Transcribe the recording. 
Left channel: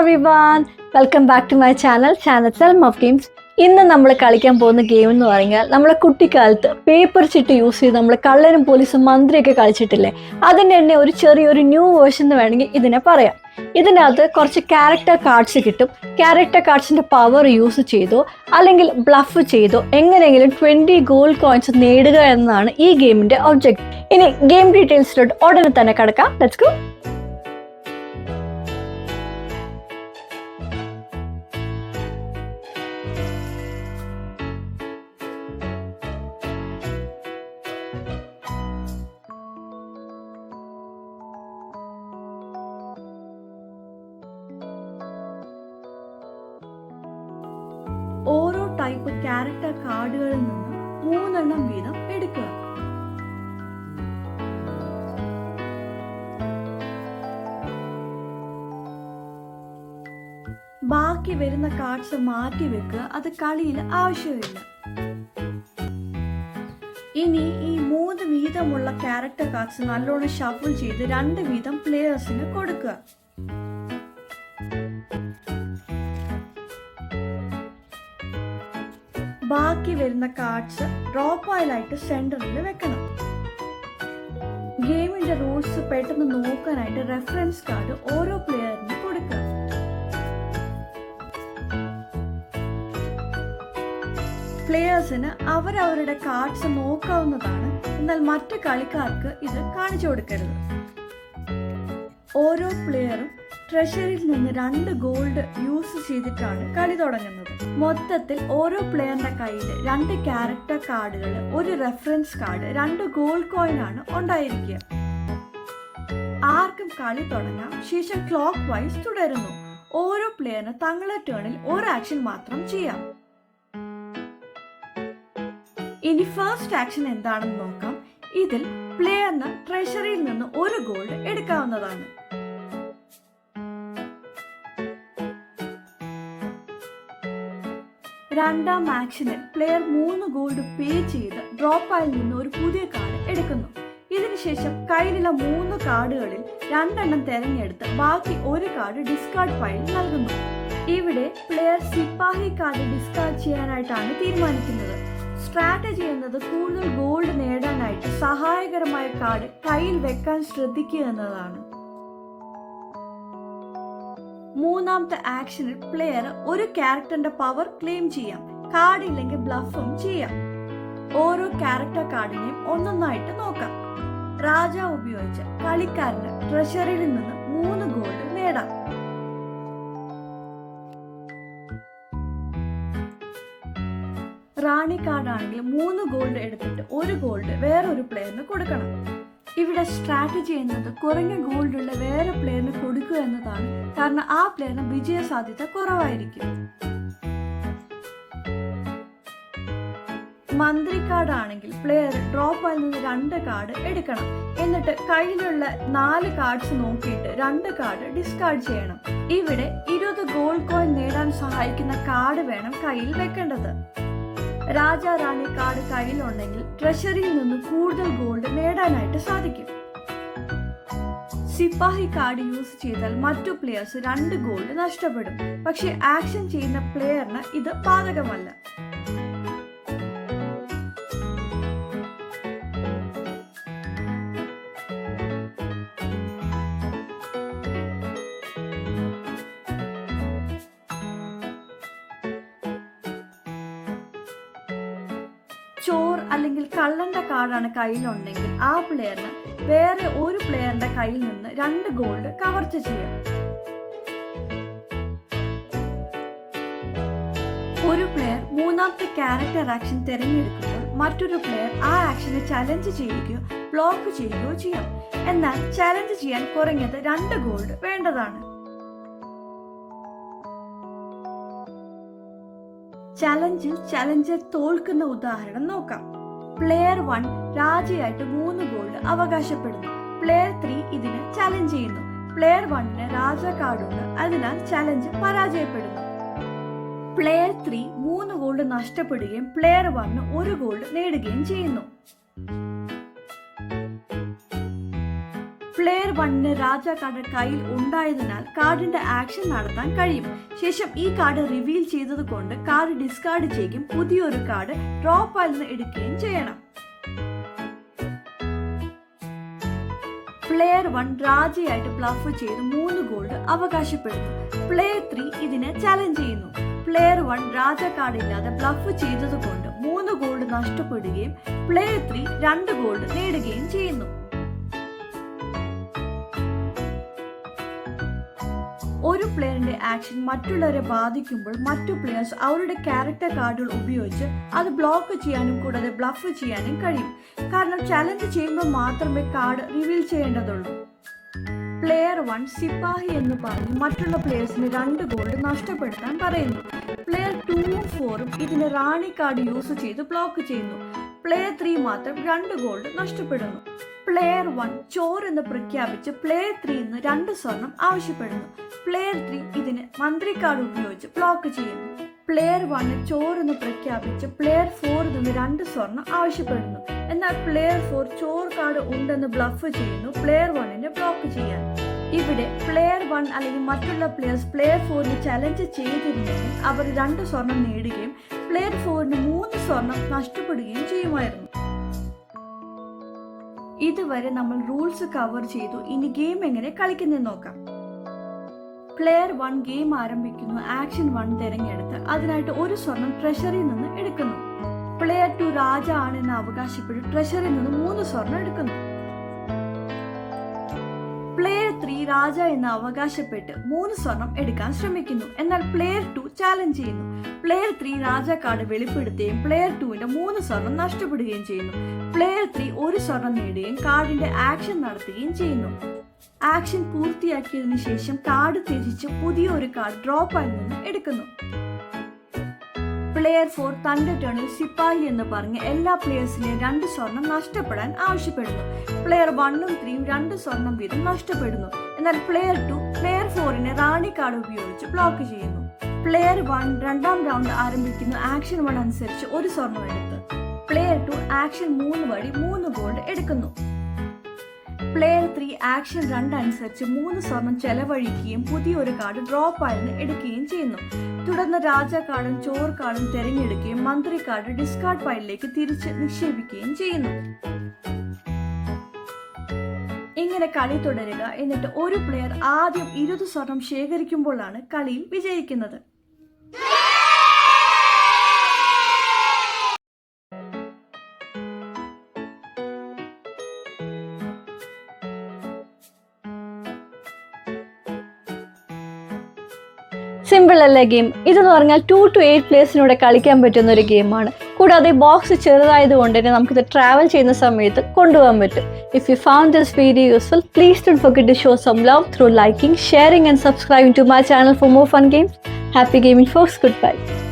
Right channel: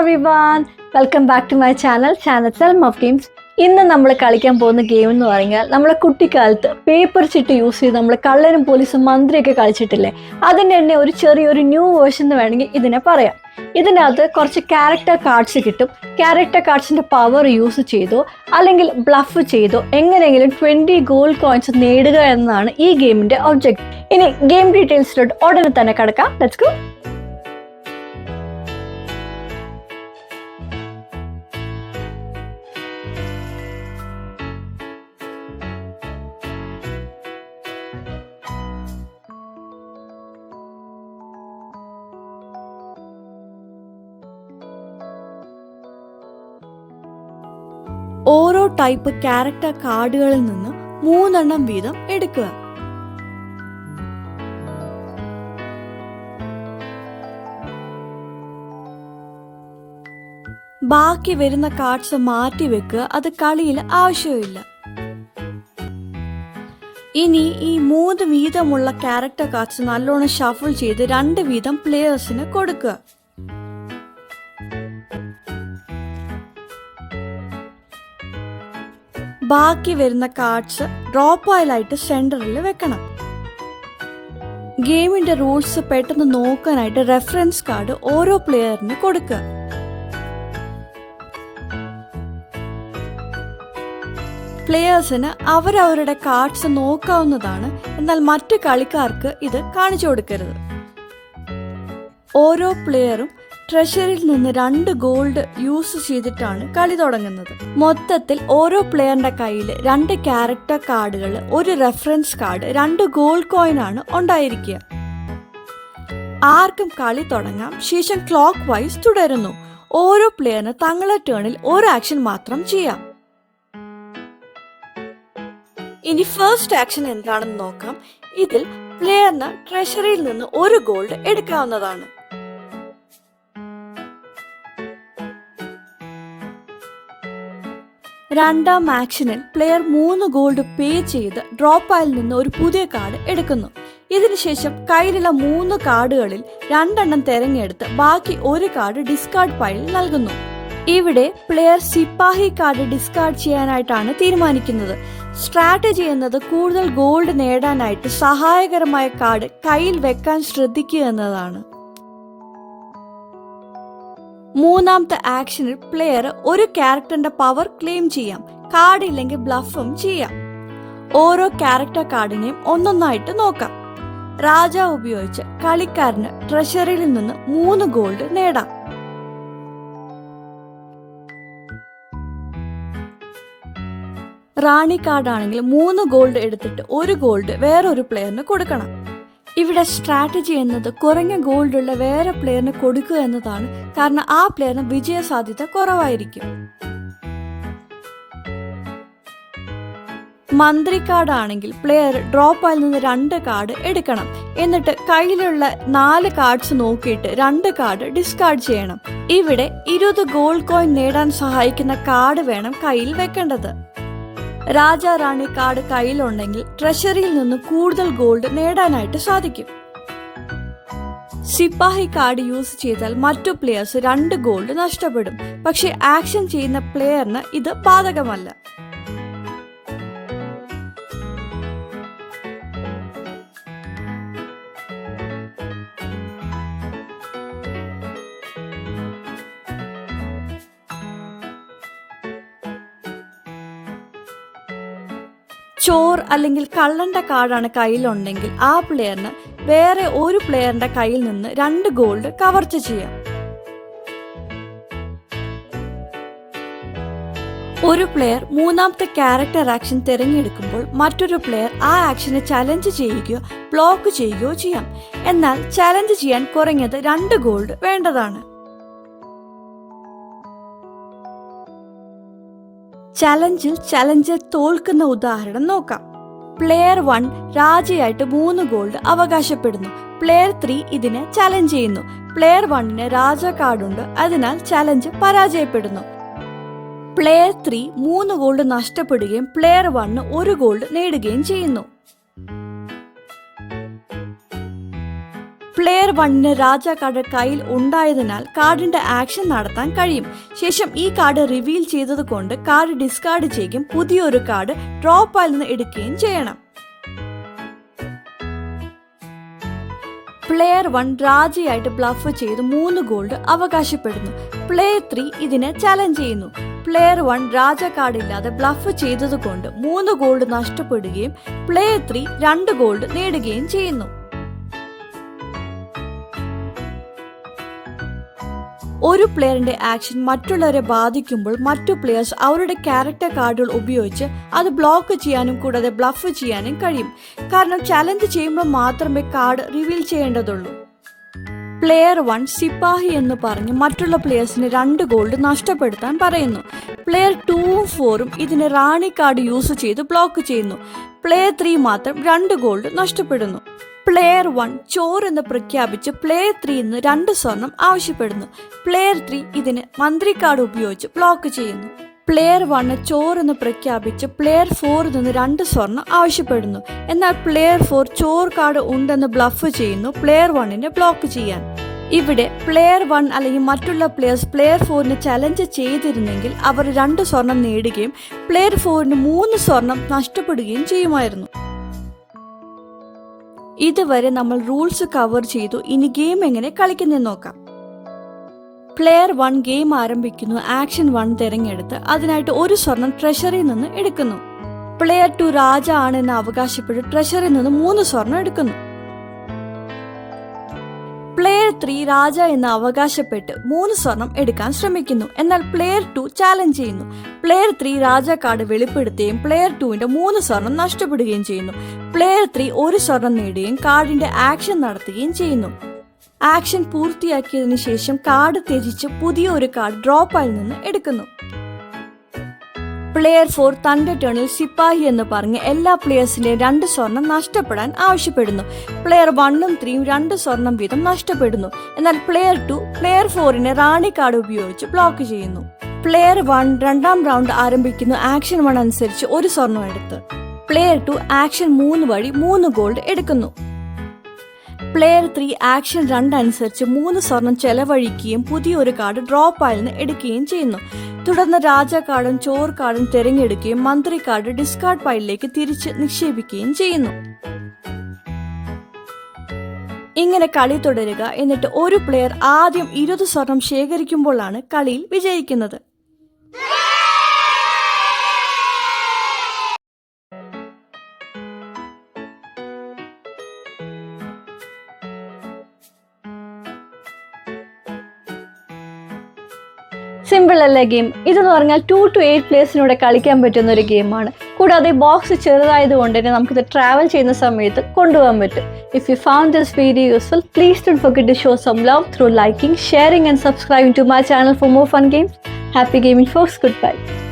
everyone, welcome back to my channel Selm of Games. ഇന്ന് നമ്മൾ കളിക്കാൻ പോകുന്ന ഗെയിം എന്ന് പറഞ്ഞാൽ നമ്മളെ കുട്ടിക്കാലത്ത് പേപ്പർ ചിട്ട് യൂസ് ചെയ്ത് നമ്മൾ കള്ളനും പോലീസും മന്ത്രിയൊക്കെ കളിച്ചിട്ടില്ലേ, അതിൻ്റെ തന്നെ ഒരു ചെറിയൊരു ന്യൂ വേർഷൻ എന്ന് വേണമെങ്കിൽ ഇതിനെ പറയാം. ഇതിനകത്ത് കുറച്ച് ക്യാരക്ടർ കാർഡ്സ് കിട്ടും. ക്യാരക്ടർ കാർഡ്സിൻ്റെ പവർ യൂസ് ചെയ്തോ അല്ലെങ്കിൽ ബ്ലഫ് ചെയ്തോ എങ്ങനെയെങ്കിലും 20 ഗോൾഡ് കോയിൻസ് നേടുക എന്നതാണ് ഈ ഗെയിമിൻ്റെ ഒബ്ജക്റ്റ്. ഇനി ഗെയിം ഡീറ്റെയിൽസിലോട്ട് ഉടനെ തന്നെ കിടക്കാം. Let's go. ഓരോ ടൈപ്പ് ക്യാരക്ടർ കാർഡുകളിൽ നിന്ന് 3 എണ്ണം വീതം എടുക്കുക. ബാക്കി വരുന്ന കാർഡ്സ് മാറ്റി വെക്കുക, അത് കളിയിൽ ആവശ്യമില്ല. ഇനി ഈ 3 വീതമുള്ള ക്യാരക്ടർ കാർഡ്സ് നല്ലോണം ഷഫിൾ ചെയ്ത് 2 വീതം പ്ലേയേഴ്സിന് കൊടുക്കുക. ബാക്കി വരുന്ന കാർഡ്സ് ഡ്രോ പൈലായിട്ട് സെന്ററിൽ വെക്കണം. ഗെയിമിന്റെ റൂൾസ് പെട്ടെന്ന് നോക്കാനായിട്ട് റെഫറൻസ് കാർഡ് ഓരോ പ്ലെയറിന് കൊടുക്കുക. പ്ലെയേഴ്സിന് അവരവരുടെ കാർഡ്സ് നോക്കാവുന്നതാണ്, എന്നാൽ മറ്റു കളിക്കാർക്ക് ഇത് കാണിച്ചു കൊടുക്കരുത്. ഓരോ പ്ലെയറും ട്രഷറിയിൽ നിന്ന് 2 ഗോൾഡ് യൂസ് ചെയ്തിട്ടാണ് കളി തുടങ്ങുന്നത്. മൊത്തത്തിൽ ഓരോ പ്ലെയറിന്റെ കയ്യിൽ 2 ക്യാരക്ടർ കാർഡുകൾ, ഒരു റെഫറൻസ് കാർഡ്, 2 ഗോൾഡ് കോയിൻ ആണ് ഉണ്ടായിരിക്കുക. ആർക്കും കളി തുടങ്ങാം. ശേഷം ക്ലോക്ക് വൈസ് തുടരുന്നു. ഓരോ പ്ലെയറിന് തങ്ങളുടെ ടേണിൽ ഒരു ആക്ഷൻ മാത്രം ചെയ്യാം. ഇനി ഫസ്റ്റ് ആക്ഷൻ എന്താണെന്ന് നോക്കാം. ഇതിൽ പ്ലെയറിന് ട്രഷറിയിൽ നിന്ന് 1 ഗോൾഡ് എടുക്കാവുന്നതാണ്. രണ്ടാം ആക്ഷനിൽ പ്ലെയർ 3 ഗോൾഡ് പേ ചെയ്ത് ഡ്രോപ്പായിൽ നിന്ന് ഒരു പുതിയ കാർഡ് എടുക്കുന്നു. ഇതിനുശേഷം കയ്യിലുള്ള 3 കാർഡുകളിൽ 2 എണ്ണം തിരഞ്ഞെടുത്ത് ബാക്കി ഒരു കാർഡ് ഡിസ്കാർഡ് പൈലിൽ നൽകുന്നു. ഇവിടെ പ്ലെയർ സിപ്പാഹി കാർഡ് ഡിസ്കാർഡ് ചെയ്യാനായിട്ടാണ് തീരുമാനിക്കുന്നത്. സ്ട്രാറ്റജി എന്നത് കൂടുതൽ ഗോൾഡ് നേടാനായിട്ട് സഹായകരമായ കാർഡ് കയ്യിൽ വെക്കാൻ ശ്രദ്ധിക്കുക എന്നതാണ്. മൂന്നാമത്തെ ആക്ഷനിൽ പ്ലെയർ ഒരു ക്യാരക്ടറിന്റെ പവർ ക്ലെയിം ചെയ്യാം. കാർഡ് ഇല്ലെങ്കിൽ ബ്ലഫും ചെയ്യാം. ഓരോ ക്യാരക്ടർ കാർഡിനെയും ഒന്നൊന്നായിട്ട് നോക്കാം. രാജാവ് ഉപയോഗിച്ച് കളിക്കാരന് ട്രഷറിയിൽ നിന്ന് 3 ഗോൾഡ് നേടാം. റാണി കാർഡാണെങ്കിൽ 3 ഗോൾഡ് എടുത്തിട്ട് 1 ഗോൾഡ് വേറൊരു പ്ലെയറിന് കൊടുക്കണം. ഇവിടെ സ്ട്രാറ്റജി എന്നത് കുറഞ്ഞ ഗോൾഡ് ഉള്ള വേറെ പ്ലെയറിന് കൊടുക്കുക എന്നതാണ്. കാരണം ആ പ്ലെയറിന് വിജയ സാധ്യത കുറവായിരിക്കും. മന്ത്രി കാർഡ് ആണെങ്കിൽ പ്ലെയർ ഡ്രോപ്പായിൽ നിന്ന് 2 കാർഡ് എടുക്കണം. എന്നിട്ട് കയ്യിലുള്ള 4 കാർഡ്സ് നോക്കിയിട്ട് 2 കാർഡ് ഡിസ്കാർഡ് ചെയ്യണം. ഇവിടെ 20 ഗോൾഡ് കോയിൻ നേടാൻ സഹായിക്കുന്ന കാർഡ് വേണം കയ്യിൽ വെക്കേണ്ടത്. രാജാ റാണി കാർഡ് കയ്യിലുണ്ടെങ്കിൽ ട്രഷറിയിൽ നിന്ന് കൂടുതൽ ഗോൾഡ് നേടാനായിട്ട് സാധിക്കും. സിപ്പാഹി കാർഡ് യൂസ് ചെയ്താൽ മറ്റു പ്ലെയേഴ്സ് 2 ഗോൾഡ് നഷ്ടപ്പെടും. പക്ഷെ ആക്ഷൻ ചെയ്യുന്ന പ്ലെയറിന് ഇത് ബാധകമല്ല. ചോർ അല്ലെങ്കിൽ കള്ളന്റെ കാർഡാണ് കയ്യിലുണ്ടെങ്കിൽ ആ പ്ലെയറിന് വേറെ ഒരു പ്ലെയറിന്റെ കയ്യിൽ നിന്ന് 2 ഗോൾഡ് കവർച്ച ചെയ്യാം. ഒരു പ്ലെയർ മൂന്നാമത്തെ ക്യാരക്ടർ ആക്ഷൻ തിരഞ്ഞെടുക്കുമ്പോൾ മറ്റൊരു പ്ലെയർ ആ ആക്ഷനെ ചലഞ്ച് ചെയ്യുകയോ ബ്ലോക്ക് ചെയ്യുകയോ ചെയ്യാം. എന്നാൽ ചലഞ്ച് ചെയ്യാൻ കുറഞ്ഞത് 2 ഗോൾഡ് വേണ്ടതാണ്. ചലഞ്ചിൽ തോൽക്കുന്ന ഉദാഹരണം നോക്കാം. പ്ലെയർ 1 രാജയായിട്ട് 3 ഗോൾഡ് അവകാശപ്പെടുന്നു. പ്ലെയർ 3 ഇതിനെ ചലഞ്ച് ചെയ്യുന്നു. പ്ലെയർ 1ന് രാജ കാർഡുണ്ട്, അതിനാൽ ചലഞ്ച് പരാജയപ്പെടുന്നു. പ്ലെയർ 3 3 ഗോൾഡ് നഷ്ടപ്പെടുകയും പ്ലെയർ 1 1 ഗോൾഡ് നേടുകയും ചെയ്യുന്നു. പ്ലെയർ 1 രാജ കാർഡ് കയ്യിൽ ഉണ്ടായതിനാൽ കാർഡിന്റെ ആക്ഷൻ നടത്താൻ കഴിയും. ശേഷം ഈ കാർഡ് റിവീൽ ചെയ്തത് കൊണ്ട് കാർഡ് ഡിസ്കാർഡ് ചെയ്യുകയും പുതിയൊരു കാർഡ് ഡ്രോ പൈലിൽ നിന്ന് എടുക്കുകയും ചെയ്യണം. പ്ലെയർ 1 രാജയായിട്ട് ബ്ലഫ് ചെയ്ത് 3 ഗോൾഡ് അവകാശപ്പെടുന്നു. പ്ലെയർ 3 ഇതിനെ ചലഞ്ച് ചെയ്യുന്നു. പ്ലെയർ 1 രാജ കാർഡ് ഇല്ലാതെ ബ്ലഫ് ചെയ്തത് കൊണ്ട് 3 ഗോൾഡ് നഷ്ടപ്പെടുകയും പ്ലെയർ 3 2 ഗോൾഡ് നേടുകയും ചെയ്യുന്നു. ഒരു പ്ലെയറിന്റെ ആക്ഷൻ മറ്റുള്ളവരെ ബാധിക്കുമ്പോൾ മറ്റു പ്ലെയേഴ്സ് അവരുടെ ക്യാരക്ടർ കാർഡുകൾ ഉപയോഗിച്ച് അത് ബ്ലോക്ക് ചെയ്യാനും കൂടാതെ ബ്ലഫ് ചെയ്യാനും കഴിയും. കാരണം ചലഞ്ച് ചെയ്യുമ്പോൾ മാത്രമേ കാർഡ് റിവീൽ ചെയ്യേണ്ടതുള്ളൂ. പ്ലെയർ 1 സിപ്പാഹി എന്ന് പറഞ്ഞ് മറ്റുള്ള പ്ലെയേഴ്സിന് 2 ഗോൾഡ് നഷ്ടപ്പെടുത്താൻ പറയുന്നു. പ്ലെയർ 2ഉം 4ഉം ഇതിന് റാണി കാർഡ് യൂസ് ചെയ്ത് ബ്ലോക്ക് ചെയ്യുന്നു. പ്ലെയർ 3 മാത്രം 2 ഗോൾഡ് നഷ്ടപ്പെടുന്നു. പ്ലെയർ 1 ചോർ എന്ന് പ്രഖ്യാപിച്ച് പ്ലെയർ 3 2 സ്വർണം ആവശ്യപ്പെടുന്നു. പ്ലെയർ 3 ഇതിന് മന്ത്രി കാർഡ് ഉപയോഗിച്ച് ബ്ലോക്ക് ചെയ്യുന്നു. പ്ലെയർ 1 ചോർ എന്ന് പ്രഖ്യാപിച്ച് പ്ലെയർ 4 2 സ്വർണം ആവശ്യപ്പെടുന്നു. എന്നാൽ പ്ലെയർ 4 ചോർ കാർഡ് ഉണ്ടെന്ന് ബ്ലഫ് ചെയ്യുന്നു പ്ലെയർ 1 ബ്ലോക്ക് ചെയ്യാൻ. ഇവിടെ പ്ലെയർ 1 അല്ലെങ്കിൽ മറ്റുള്ള പ്ലെയേഴ്സ് പ്ലെയർ 4 ചലഞ്ച് ചെയ്തിരുന്നെങ്കിൽ അവർ 2 സ്വർണം നേടുകയും പ്ലെയർ 4 3 സ്വർണം നഷ്ടപ്പെടുകയും ചെയ്യുമായിരുന്നു. ഇതുവരെ നമ്മൾ റൂൾസ് കവർ ചെയ്തു. ഇനി ഗെയിം എങ്ങനെ കളിക്കുന്നതെന്ന് നോക്കാം. പ്ലെയർ 1 ഗെയിം ആരംഭിക്കുന്നു. ആക്ഷൻ 1 തിരഞ്ഞെടുത്ത് അതിനായിട്ട് 1 സ്വർണം ട്രഷറിയിൽ നിന്ന് എടുക്കുന്നു. പ്ലെയർ 2 രാജ ആണെന്ന് അവകാശപ്പെട്ട് ട്രഷറിയിൽ നിന്ന് 3 സ്വർണം എടുക്കുന്നു. പ്ലെയർ 3 രാജ എന്ന് അവകാശപ്പെട്ട് 3 സ്വർണം എടുക്കാൻ ശ്രമിക്കുന്നു. എന്നാൽ പ്ലെയർ 2 ചാലഞ്ച് ചെയ്യുന്നു. പ്ലെയർ 3 രാജ കാർഡ് വെളിപ്പെടുത്തുകയും പ്ലെയർ 2 3 സ്വർണം നഷ്ടപ്പെടുകയും ചെയ്യുന്നു. പ്ലെയർ 3 1 സ്വർണം നേടുകയും കാർഡിന്റെ ആക്ഷൻ നടത്തുകയും ചെയ്യുന്നു. ആക്ഷൻ പൂർത്തിയാക്കിയതിനു ശേഷം കാർഡ് ത്യജിച്ച് പുതിയ ഒരു കാർഡ് ഡ്രോ പൈലിൽ നിന്ന് എടുക്കുന്നു. പ്ലെയർ 4 തന്റെ ടേണിൽ സിപ്പാഹി എന്ന് പറഞ്ഞ് എല്ലാ പ്ലെയേഴ്സിന്റെ 2 സ്വർണം നഷ്ടപ്പെടാൻ ആവശ്യപ്പെടുന്നു. പ്ലെയർ 1ഉം 3ഉം 2 സ്വർണം വീതം നഷ്ടപ്പെടുന്നു. എന്നാൽ പ്ലെയർ 2 പ്ലെയർ 4 റാണി കാർഡ് ഉപയോഗിച്ച് ബ്ലോക്ക് ചെയ്യുന്നു. പ്ലെയർ 1 രണ്ടാം റൗണ്ട് ആരംഭിക്കുന്നു. ആക്ഷൻ 1 അനുസരിച്ച് 1 സ്വർണം എടുത്ത് പ്ലെയർ 2 ആക്ഷൻ 3 വഴി 3 ഗോൾഡ് എടുക്കുന്നു. പ്ലെയർ 3 ആക്ഷൻ 2 അനുസരിച്ച് 3 സ്വർണം ചെലവഴിക്കുകയും പുതിയൊരു കാർഡ് ഡ്രോ പൈലിൽ നിന്ന് എടുക്കുകയും ചെയ്യുന്നു. തുടർന്ന് രാജ കാർഡും ചോർ കാർഡും തിരഞ്ഞെടുക്കുകയും മന്ത്രി കാർഡ് ഡിസ്കാർഡ് പൈലിലേക്ക് തിരിച്ച് നിക്ഷേപിക്കുകയും ചെയ്യുന്നു. ഇങ്ങനെ കളി തുടരുക. എന്നിട്ട് ഒരു പ്ലെയർ ആദ്യം 20 സ്വർണം ശേഖരിക്കുമ്പോഴാണ് കളിയിൽ വിജയിക്കുന്നത്. സിമ്പിൾ അല്ലേ ഗെയിം? ഇതെന്ന് പറഞ്ഞാൽ 2 to 8 പ്ലേയേഴ്സിനൂടെ കളിക്കാൻ പറ്റുന്ന ഒരു ഗെയിമാണ്. കൂടാതെ ബോക്സ് ചെറുതായതുകൊണ്ട് തന്നെ നമുക്കിത് ട്രാവൽ ചെയ്യുന്ന സമയത്ത് കൊണ്ടുപോകാൻ പറ്റും. If you found this video useful, please don't forget to show some love through liking, sharing and subscribing to my channel for more fun games. Happy gaming folks, goodbye.